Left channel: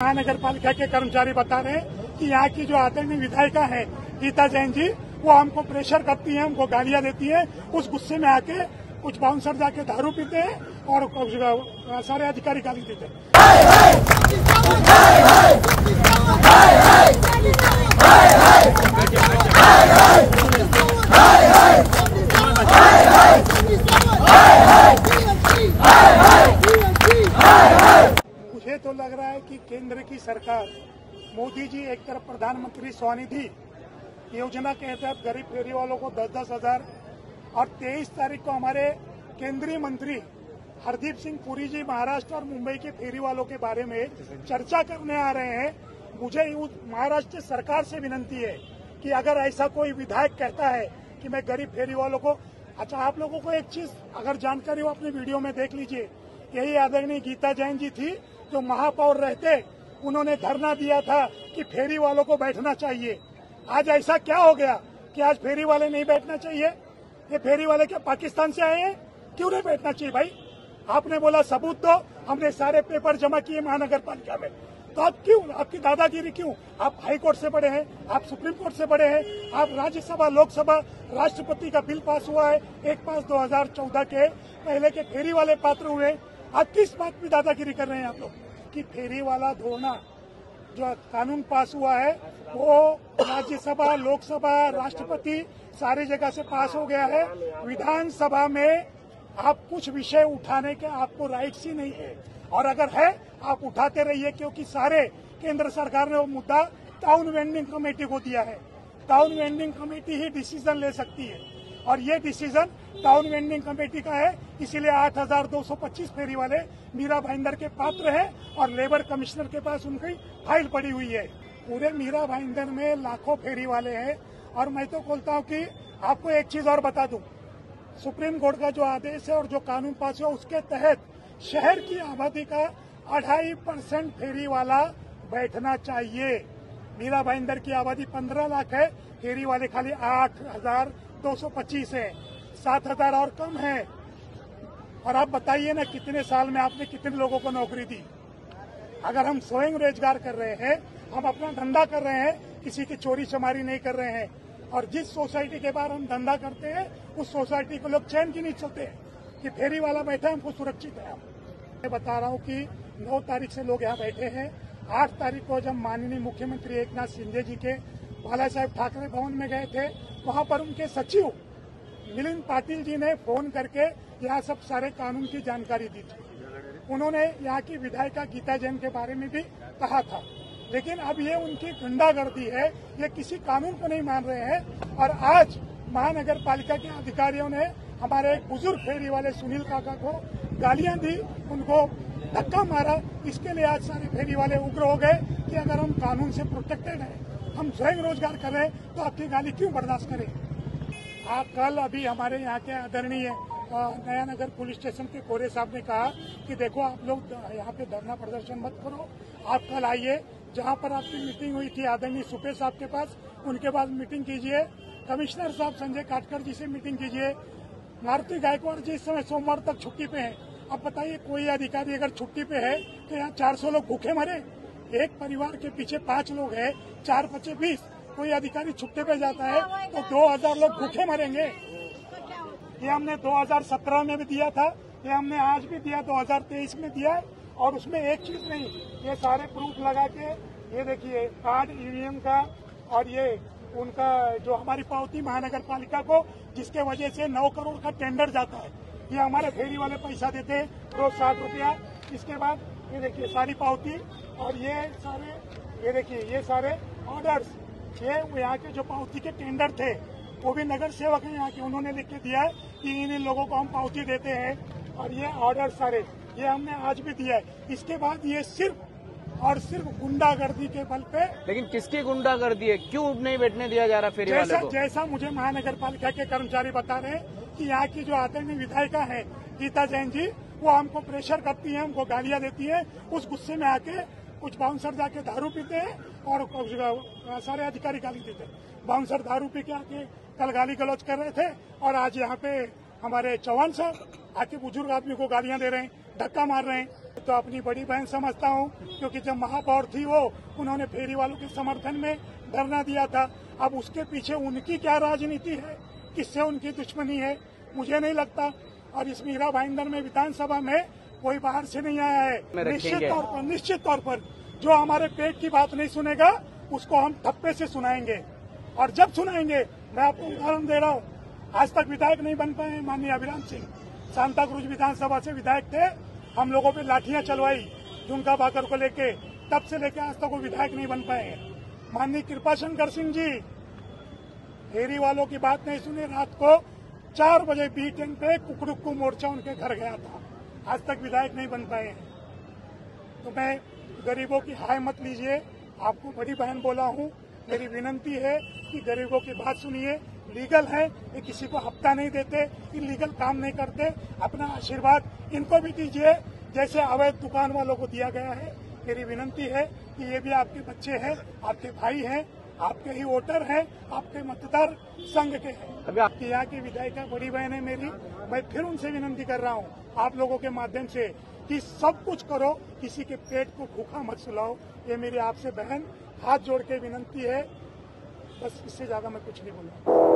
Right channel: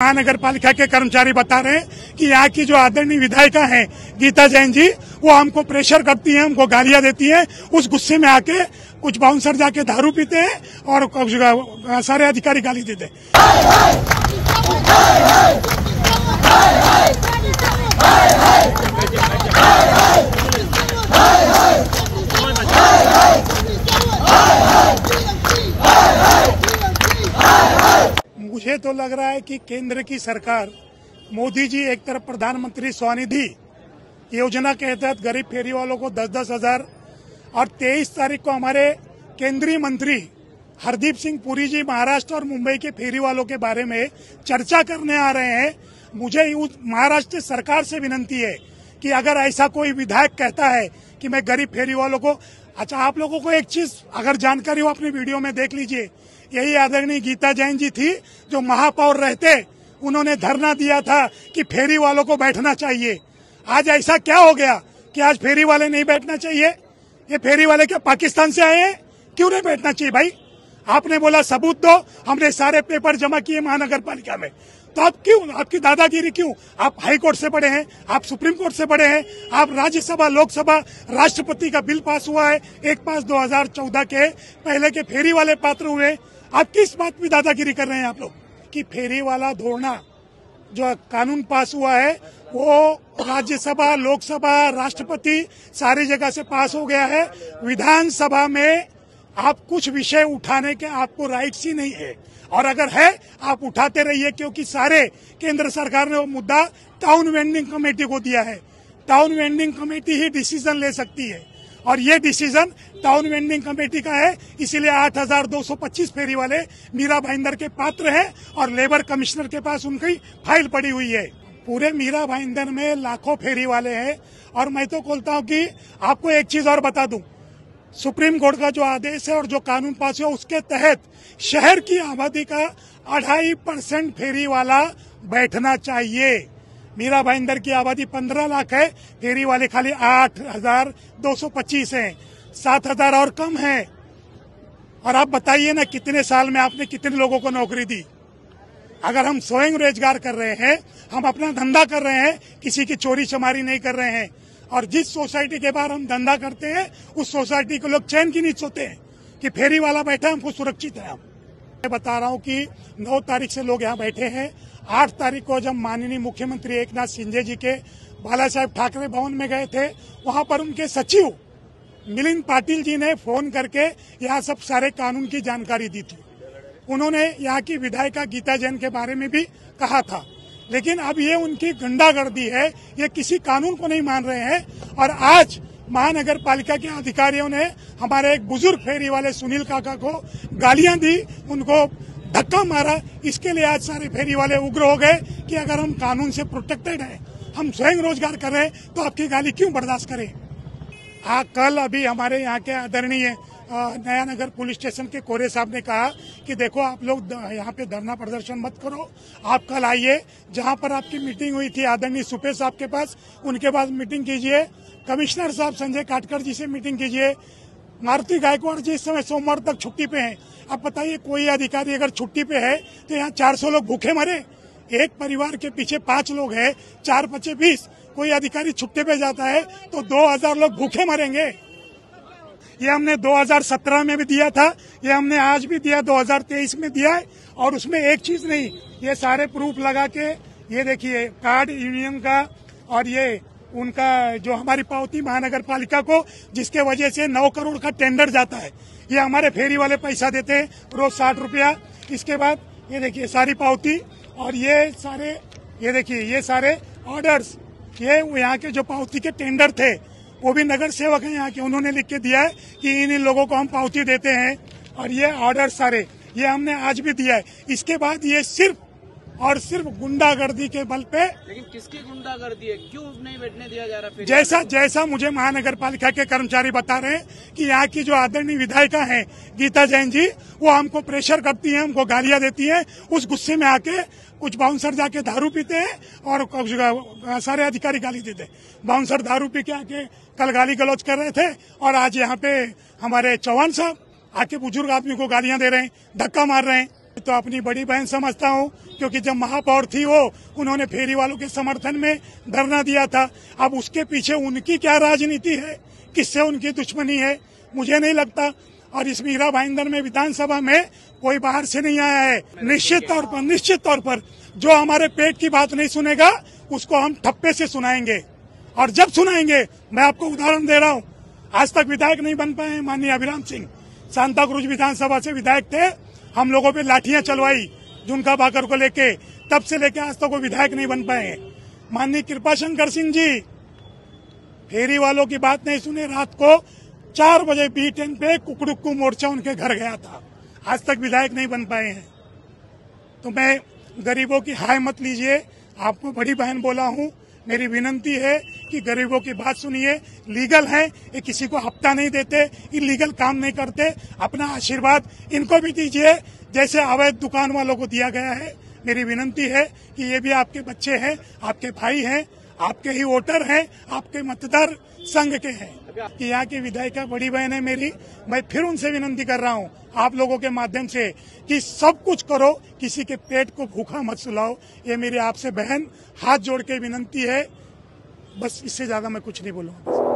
महानगर पालिका के कर्मचारी बता रहे हैं कि यहाँ की जो आदरणीय विधायिका हैं गीता जैन जी, वो हमको प्रेशर करती हैं, हमको गालियां देती हैं। उस गुस्से में आके कुछ बाउंसर जाके दारू पीते हैं और सारे अधिकारी गाली देते हैं। मुझे तो लग रहा है कि केंद्र की सरकार, मोदी जी एक तरफ प्रधानमंत्री स्वनिधि योजना के तहत गरीब फेरी वालों को 10-10 हजार और 23 तारीख को हमारे केंद्रीय मंत्री हरदीप सिंह पुरी जी महाराष्ट्र और मुंबई के फेरी वालों के बारे में चर्चा करने आ रहे हैं। मुझे महाराष्ट्र सरकार से विनती है कि अगर ऐसा कोई विधायक कहता है कि मैं गरीब फेरी वालों को, अच्छा आप लोगों को एक चीज अगर जानकारी हो अपने वीडियो में देख लीजिए। यही आदरणीय गीता जैन जी थी जो महापौर रहते, उन्होंने धरना दिया था कि फेरी वालों को बैठना चाहिए। आज ऐसा क्या हो गया कि आज फेरी वाले नहीं बैठना चाहिए? ये फेरी वाले क्या पाकिस्तान से आए हैं? क्यों नहीं बैठना चाहिए भाई? आपने बोला सबूत दो, हमने सारे पेपर जमा किए महानगर पालिका में, तो आप क्यों, आपकी दादागिरी क्यों? आप हाई कोर्ट से पढ़े हैं, आप सुप्रीम कोर्ट से पढ़े हैं, आप राज्यसभा लोकसभा राष्ट्रपति का बिल पास हुआ है 1/5 2014 के पहले के फेरी वाले पात्र हुए। आप किस बात में दादागिरी कर रहे हैं आप लोग कि फेरी वाला धोना जो कानून पास हुआ है वो राज्यसभा लोकसभा राष्ट्रपति सारी जगह से पास हो गया है। विधानसभा में आप कुछ विषय उठाने के आपको राइट्स ही नहीं है, और अगर है आप उठाते रहिए, क्योंकि सारे केंद्र सरकार ने वो मुद्दा टाउन वेंडिंग कमेटी को दिया है। टाउन वेंडिंग कमेटी ही डिसीजन ले सकती है और ये डिसीजन टाउन वेंडिंग कमेटी का है। इसीलिए 8,225 फेरी वाले मीरा भाईंदर के पात्र हैं और लेबर कमिश्नर के पास उनकी फाइल पड़ी हुई है। पूरे मीरा भाईंदर में लाखों फेरी वाले हैं। और मैं तो बोलता हूँ कि आपको एक चीज और बता दूं, सुप्रीम कोर्ट का जो आदेश है और जो कानून पास हुआ उसके तहत शहर की आबादी का 2.5% फेरी वाला बैठना चाहिए। मीरा भाईंदर की आबादी 15 लाख है, फेरी वाले खाली 8,225 हैं, 7,000 और कम है। और आप बताइए ना कितने साल में आपने कितने लोगों को नौकरी दी? अगर हम स्वयं रोजगार कर रहे हैं, हम अपना धंधा कर रहे हैं, किसी की चोरी चमारी नहीं कर रहे हैं, और जिस सोसाइटी के बाहर हम धंधा करते हैं उस सोसाइटी के लोग चैन की नींद सोते हैं कि फेरी वाला बैठा हमको सुरक्षित है। मैं बता रहा हूँ कि 9 तारीख से लोग यहाँ बैठे हैं। 8 तारीख को जब माननीय मुख्यमंत्री एकनाथ शिंदे जी के बाला साहेब ठाकरे भवन में गए थे, वहाँ पर उनके सचिव मिलिंद पाटिल जी ने फोन करके यहाँ सब सारे कानून की जानकारी दी थी। उन्होंने यहाँ की विधायिका गीता जैन के बारे में भी कहा था, लेकिन अब ये उनकी गुंडागर्दी है, ये किसी कानून को नहीं मान रहे हैं। और आज महानगर पालिका के अधिकारियों ने हमारे एक बुजुर्ग फेरी वाले सुनील काका को गालियां दी, उनको धक्का मारा। इसके लिए आज सारे फेरी वाले उग्र हो गए कि अगर हम कानून से प्रोटेक्टेड हैं, हम स्वयं रोजगार कर रहे हैं, तो आपकी गाली क्यों बर्दाश्त करें? कल अभी हमारे यहाँ के आदरणीय नया नगर पुलिस स्टेशन के कोरे साहब ने कहा कि देखो आप लोग यहाँ पे धरना प्रदर्शन मत करो, आप कल आइए, जहाँ पर आपकी मीटिंग हुई थी आदरणीय सुपे साहब के पास, उनके पास मीटिंग कीजिए। कमिश्नर साहब संजय काटकर जी से मीटिंग कीजिए। मारुति गायकवाड़ जी इस समय सोमवार तक छुट्टी पे हैं। अब बताइए कोई अधिकारी अगर छुट्टी पे है तो यहाँ 400 लोग भूखे मरे? एक परिवार के पीछे 5 लोग हैं, 4-5 20। कोई अधिकारी छुट्टी पे जाता है तो 2,000 लोग भूखे मरेंगे। ये हमने 2017 में भी दिया था, ये हमने आज भी दिया, 2023 में दिया है। और उसमें एक चीज नहीं, ये सारे प्रूफ लगा के, ये देखिए कार्ड यूनियन का और ये उनका जो हमारी पावती महानगर पालिका को, जिसके वजह से 9 करोड़ का टेंडर जाता है, ये हमारे फेरी वाले पैसा देते हैं रोज 60 रुपया। इसके बाद ये देखिए सारी पावती और ये सारे, ये देखिए ये सारे ऑर्डर्स, ये यहाँ के जो पावती के टेंडर थे वो भी नगर सेवक हैं यहाँ के, उन्होंने लिख के दिया है कि इन लोगों को हम पावती देते हैं। और ये ऑर्डर सारे ये हमने आज भी दिया है। इसके बाद ये सिर्फ और सिर्फ गुंडागर्दी के बल पे। लेकिन किसकी गुंडागर्दी है? क्यों नहीं बैठने दिया जा रहा? जैसा मुझे महानगर पालिका के कर्मचारी बता रहे हैं कि यहाँ की जो आदरणीय विधायिका हैं गीता जैन जी, वो हमको प्रेशर करती हैं, हमको गालियां देती हैं। उस गुस्से में आके कुछ बाउंसर जाके दारू पीते हैं और सारे अधिकारी गाली देते हैं। बाउंसर दारू पी के आके कल गाली गलौज कर रहे थे और आज यहाँ पे हमारे चौहान साहब आके बुजुर्ग आदमी को गालियां दे रहे हैं, धक्का मार रहे हैं। तो अपनी बड़ी बहन समझता हूँ क्योंकि जब महापौर थी वो, उन्होंने फेरी वालों के समर्थन में धरना दिया था। अब उसके पीछे उनकी क्या राजनीति है, किससे उनकी दुश्मनी है, मुझे नहीं लगता। और इस मीरा भाईंदर में विधानसभा में कोई बाहर से नहीं आया है। निश्चित तौर पर जो हमारे पेट की बात नहीं सुनेगा उसको हम ठप्पे से सुनाएंगे। और जब सुनाएंगे, मैं आपको उदाहरण दे रहा हूँ, आज तक विधायक नहीं बन पाए माननीय अभिराम सिंह, सांताक्रूज विधानसभा से विधायक थे, हम लोगों पे लाठियां चलवाई झुनका भाकर को लेके, तब से लेके आज तक वो विधायक नहीं बन पाए। माननीय कृपाशंकर सिंह जी फेरी वालों की बात नहीं सुने, रात को 4 बजे B10 पे कुकड़ुक्कू मोर्चा उनके घर गया था, आज तक विधायक नहीं बन पाए हैं। तो मैं गरीबों की हाय मत लीजिए, आपको बड़ी बहन बोला हूँ, मेरी विनंती है कि गरीबों की बात सुनिए। लीगल है, ये किसी को हफ्ता नहीं देते, इलीगल काम नहीं करते, अपना आशीर्वाद इनको भी दीजिए जैसे अवैध दुकान वालों को दिया गया है। मेरी विनंती है कि ये भी आपके बच्चे हैं, आपके भाई हैं, आपके ही वोटर हैं, आपके मतदार संघ के हैं। कि यहाँ की विधायिका बड़ी बहन है मेरी, मैं फिर उनसे विनंती कर रहा हूँ आप लोगों के माध्यम से कि सब कुछ करो, किसी के पेट को भूखा मत सुलाओ। ये मेरी आपसे बहन हाथ जोड़ के विनंती है, बस इससे ज्यादा मैं कुछ नहीं बोलूँगा।